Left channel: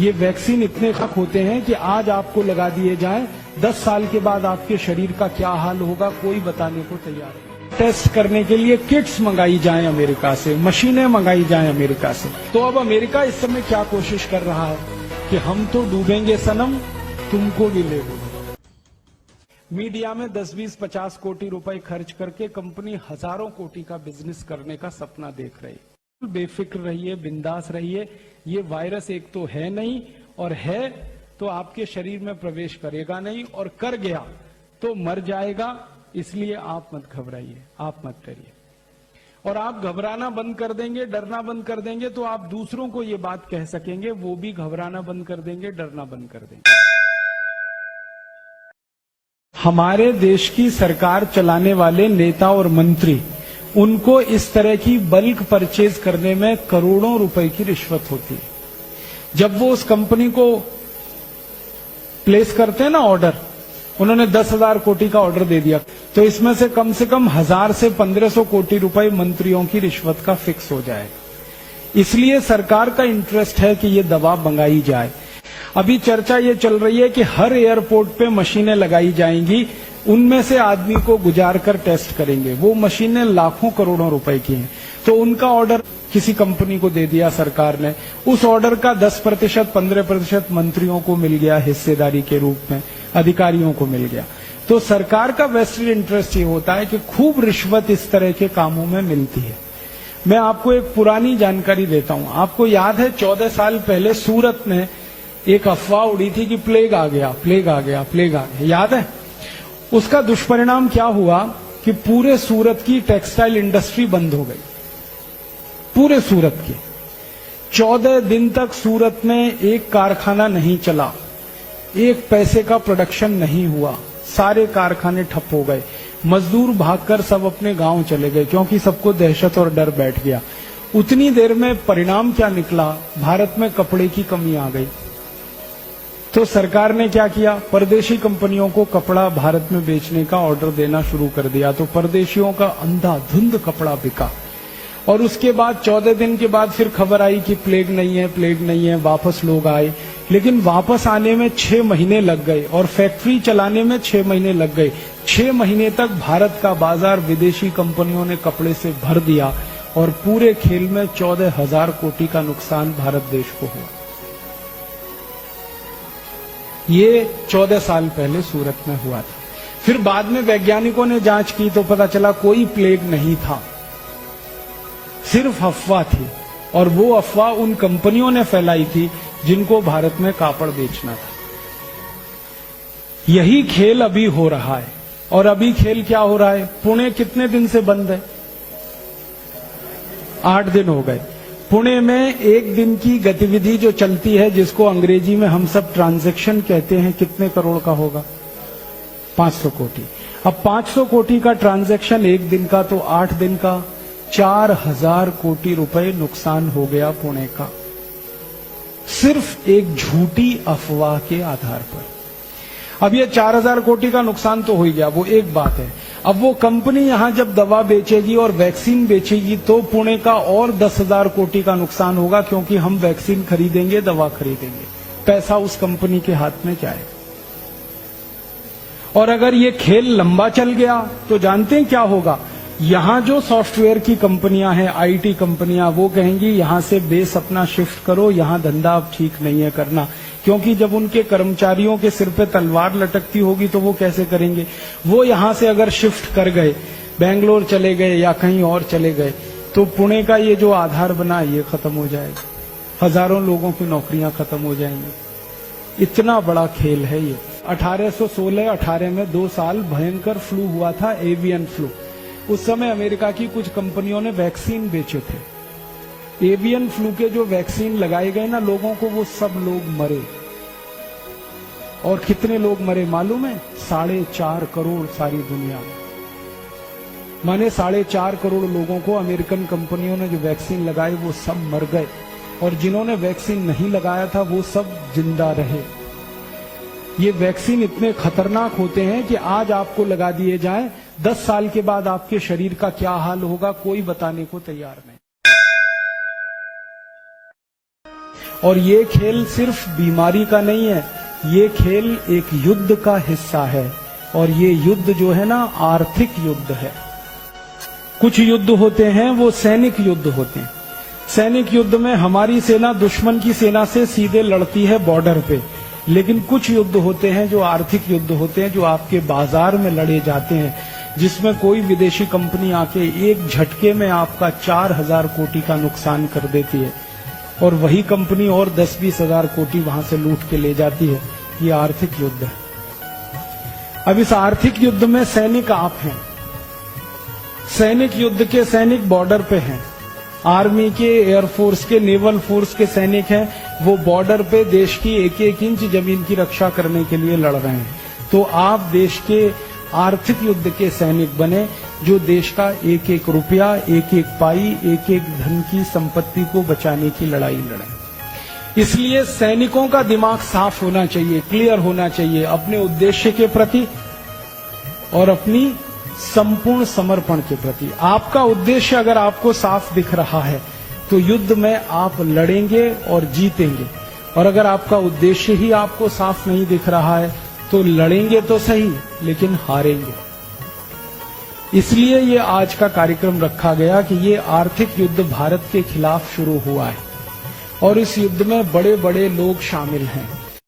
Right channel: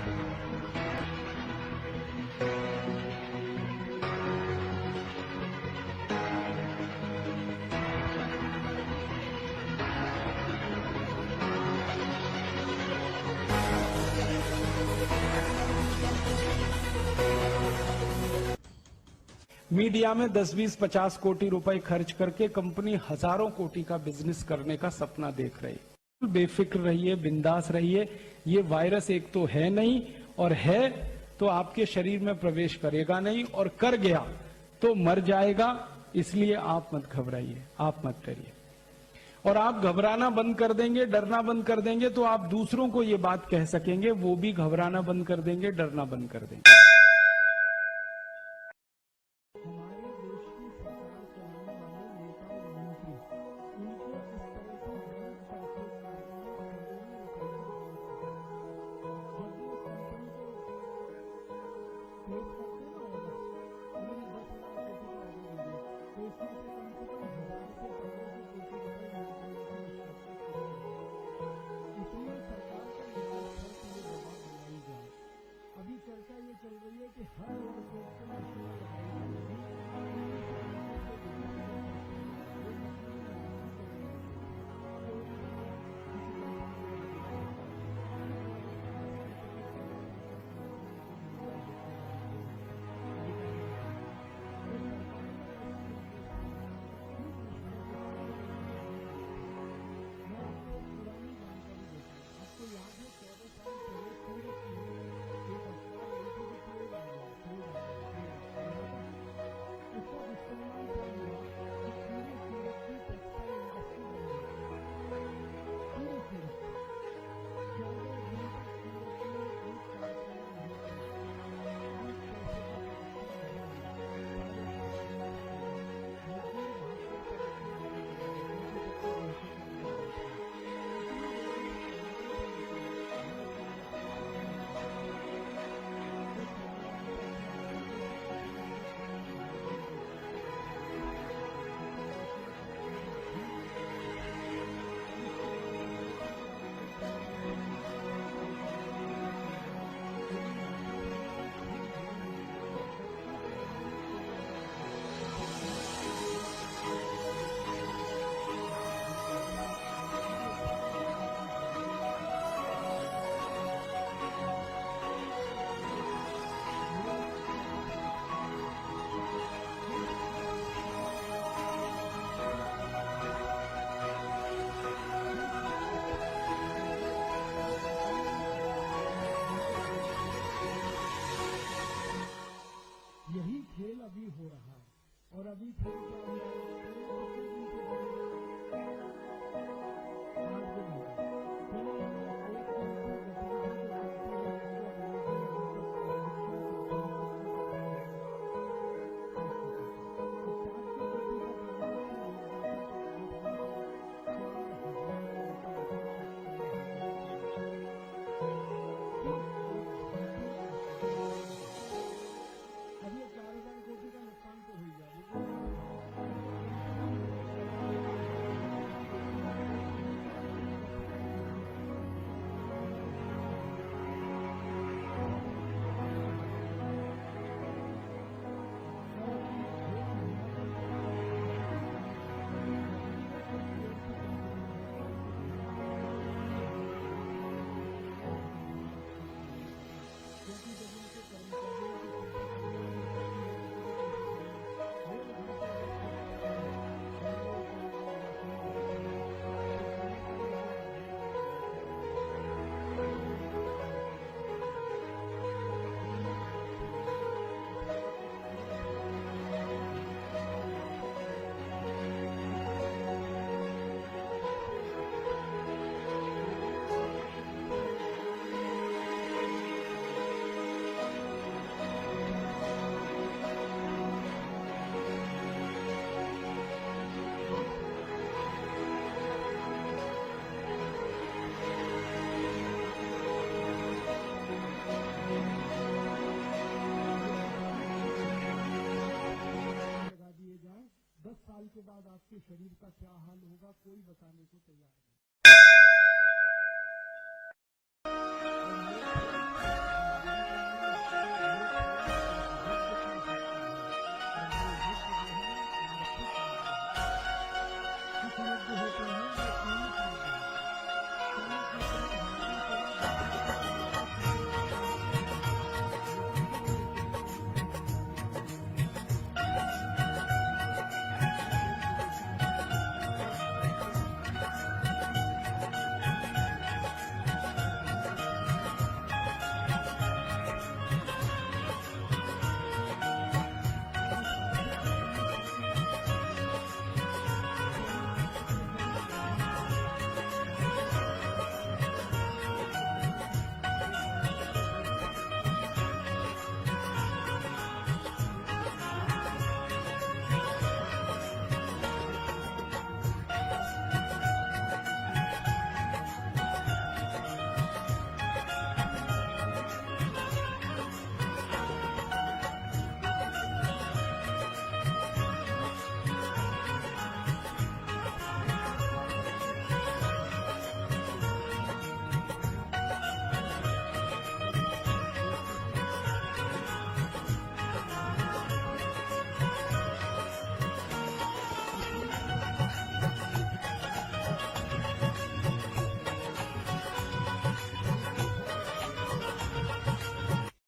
ये वैक्सीन इतने खतरनाक होते हैं कि आज आपको लगा दिए जाएं, 10 साल के बाद आपके शरीर का क्या हाल होगा कोई बताने को तैयार नहीं। टेस्ट करने के लिए किट्स मंगाई जाएं अमेरिका से, मशीनें मंगाई जाएं अमेरिका से। तो अब अमेरिका इस समय क्या कोशिश कर रहा है कि हम तो डूबेंगे सनम, तुमको भी ले लेंगे। मीडिया में 10, 20, 50 कोटि रुपए खर्च करके कंपनी हजारों कोटि का बिजनेस करने का सपना देख रही है। बेफिक्र रहिए, बिंदास रहिए। ये वायरस एक तो है नहीं, और है तो आपके शरीर में प्रवेश करेगा नहीं, और कर गया तो मर जाएगा। इसलिए आप मत घबराइए, आप मत डरिए। और आप घबराना बंद कर देंगे, डरना बंद कर देंगे, तो आप दूसरों को ये बात कह सकेंगे, वो भी घबराना बंद कर देंगे, डरना बंद कर देंगे। हमारे देश की सरकार चलाने वाले नेता और मंत्री, उनको इस तरह की बल्क परचेज करने में करोड़ों रुपए की रिश्वत होती है। जब वो उस कंपनी को प्लेस करते हैं ना ऑर्डर, उन्होंने 10,000 कोटि का ऑर्डर दे दिया, तो इसमें से कम 1000 से 1500 कोटि रुपए मंत्रियों की रिश्वत का फिक्स हो जाएगा। इसलिए सरकार का इंटरेस्ट है कि ये दवा मंगाई जाए। अभी चर्चा ये चल रही है कि हर एयरपोर्ट पे मशीनें लगाई जाएंगी, उनमें से आदमी को गुजार कर टेस्ट करेंगे। वो मशीनें लाखों करोड़ों रुपए की हैं, तो उनका ऑर्डर किसी कंपनी को दे दिया सरकार ने। उस ऑर्डर का 10%, 15% मंत्रियों को मिल गया हिस्सेदारी के रूप में, अधिकारियों को मिल गया। तो सरकार का वेस्टेड इंटरेस्ट ये होता है कि खूब रिश्वत इस तरह के कामों में मिलती है। मैं आपको एक पुरानी जानकारी देता हूं। आपको याद है 14 साल पहले सूरत में एक अफवाह उड़ी थी कि प्लेग आ गया, प्लेग आ गया, प्लेग आ गया, याद है? उसका दुष्परिणाम क्या हुआ कि पूरे सूरत की टेक्सटाइल इंडस्ट्री बंद हो गई, पूरे सूरत की। 14 दिन तक सूरत में एक कारखाना नहीं चला, एक पैसे का प्रोडक्शन नहीं हुआ, सारे कारखाने ठप हो गए। मजदूर भागकर सब अपने गांव चले गए, क्योंकि सबको दहशत और डर बैठ गया। उतनी देर में परिणाम क्या निकला? भारत में कपड़े की कमी आ गई। तो सरकार ने क्या किया? परदेशी कंपनियों को कपड़ा भारत में बेचने का ऑर्डर देना शुरू कर दिया। तो परदेशियों का अंधाधुंध कपड़ा बिका। और उसके बाद 14 दिन के बाद फिर खबर आई कि प्लेग नहीं है, प्लेग नहीं है। वापस लोग आए, लेकिन वापस आने में 6 महीने लग गए, और फैक्ट्री चलाने में 6 महीने लग गए। 6 महीने तक भारत का बाजार विदेशी कंपनियों ने कपड़े से भर दिया, और पूरे खेल में 14,000 कोटि का नुकसान भारत देश को हुआ। ये 14 साल पहले सूरत में हुआ था। फिर बाद में वैज्ञानिकों ने जांच की तो पता चला कोई प्लेग नहीं था, सिर्फ अफवाह थी। और वो अफवाह उन कंपनियों ने फैलाई थी जिनको भारत में कापड़ बेचना था। यही खेल अभी हो रहा है। और अभी खेल क्या हो रहा है? पुणे कितने दिन से बंद है? 8 दिन हो गए। पुणे में एक दिन की गतिविधि जो चलती है, जिसको अंग्रेजी में हम सब ट्रांजैक्शन कहते हैं, कितने करोड़ का होगा? 500 कोटि। अब 500 कोटि का ट्रांजैक्शन एक दिन का, तो 8 दिन का 4000 कोटि रुपए नुकसान हो गया पुणे का, सिर्फ एक झूठी अफवाह के आधार पर। अब ये 4000 कोटि का नुकसान तो हो ही गया, वो एक बात है। अब वो कंपनी यहां जब दवा बेचेगी और वैक्सीन बेचेगी, तो पुणे का और 10,000 कोटि का नुकसान होगा, क्योंकि हम वैक्सीन खरीदेंगे, दवा खरीदेंगे। पैसा उस कंपनी के हाथ में जाए। और अगर ये खेल लंबा चल गया तो जानते हैं क्या होगा? यहां जो सॉफ्टवेयर की कंपनियां हैं, आईटी कंपनियां, वो कहेंगी यहां से बेस अपना शिफ्ट करो, यहां धंधा अब ठीक नहीं है करना। क्योंकि जब उनके कर्मचारियों के सिर पे तलवार लटकती होगी तो वो कैसे करेंगे? वो यहां से अगर शिफ्ट कर गए, बेंगलोर चले गए या कहीं और चले गए, तो पुणे का ये जो आधार बना, ये खत्म हो जाएगा। हजारों लोगों की नौकरियां खत्म हो जाएंगी। इतना बड़ा खेल है ये। 1816-18 में 2 साल भयंकर फ्लू हुआ था, एवियन फ्लू। उस समय अमेरिका की कुछ कंपनियों ने वैक्सीन बेचे थे। एवियन फ्लू के जो वैक्सीन लगाए गए ना लोगों को, वो सब लोग मरे। और कितने लोग मरे मालूम है? 4.5 करोड़ सारी दुनिया में। माने 4.5 करोड़ लोगों को अमेरिकन कंपनियों ने जो वैक्सीन लगाए वो सब मर गए, और जिन्होंने वैक्सीन नहीं लगाया था वो सब जिंदा रहे। ये वैक्सीन इतने खतरनाक होते हैं कि आज आपको लगा दिए जाएं, 10 साल के बाद आपके शरीर का क्या हाल होगा कोई बताने को तैयार नहीं। और ये खेल सिर्फ बीमारी का नहीं है, ये खेल एक युद्ध का हिस्सा है। और ये युद्ध जो है ना, आर्थिक युद्ध है। कुछ युद्ध होते हैं वो सैनिक युद्ध होते हैं। सैनिक युद्ध में हमारी सेना दुश्मन की सेना से सीधे लड़ती है बॉर्डर पे, लेकिन कुछ युद्ध होते हैं जो आर्थिक युद्ध होते हैं, जो आपके बाजार में लड़े जाते हैं, जिसमें कोई विदेशी कंपनी आके एक झटके में आपका 4,000 कोटि का नुकसान कर देती है और वही कंपनी और 10-20 हजार कोटि वहां से लूट के ले जाती है। ये आर्थिक युद्ध है। अब इस आर्थिक युद्ध में सैनिक आप हैं। सैनिक युद्ध के सैनिक बॉर्डर पे हैं। आर्मी के, एयरफोर्स के, नेवल फोर्स के सैनिक हैं। वो बॉर्डर पे देश की एक एक इंच जमीन की रक्षा करने के लिए लड़ रहे हैं। तो आप देश के आर्थिक युद्ध के सैनिक बने, जो देश का एक एक रुपया, एक एक पाई, एक एक धन की संपत्ति को बचाने की लड़ाई लड़े। इसलिए सैनिकों का दिमाग साफ होना चाहिए, क्लियर होना चाहिए अपने उद्देश्य के प्रति और अपनी संपूर्ण समर्पण के प्रति। आपका उद्देश्य अगर आपको साफ दिख रहा है तो युद्ध में आप लड़ेंगे और जीतेंगे, और अगर आपका उद्देश्य ही आपको साफ नहीं दिख रहा है तो लड़ेंगे तो सही लेकिन हारेंगे। इसलिए ये आज का कार्यक्रम रखा गया कि ये आर्थिक युद्ध भारत के खिलाफ शुरू हुआ है और इस युद्ध में बड़े बड़े लोग शामिल हैं।